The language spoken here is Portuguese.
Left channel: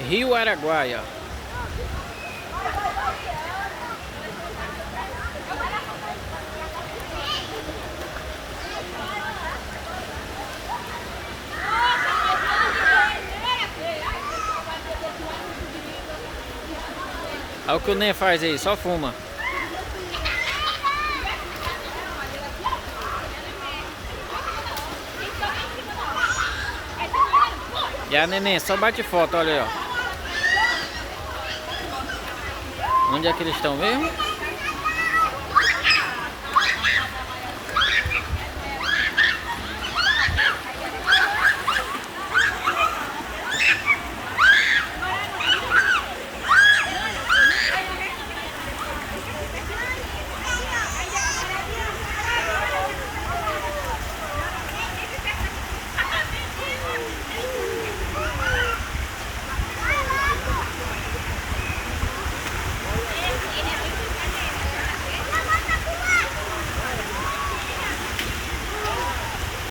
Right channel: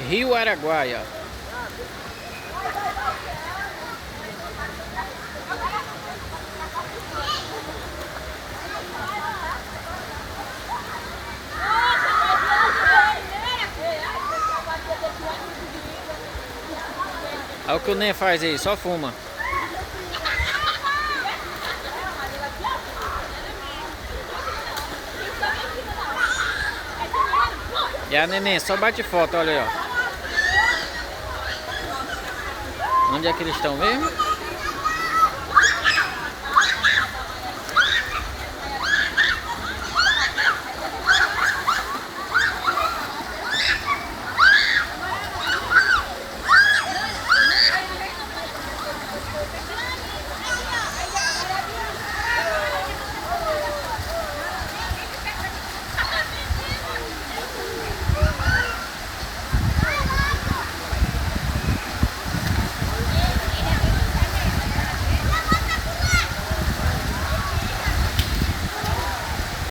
Rio Araguaia. Olha o que o Ney faz aí, só fuma. E a neném só bate foto, olha aí, ó. Onde é que eles estão mesmo?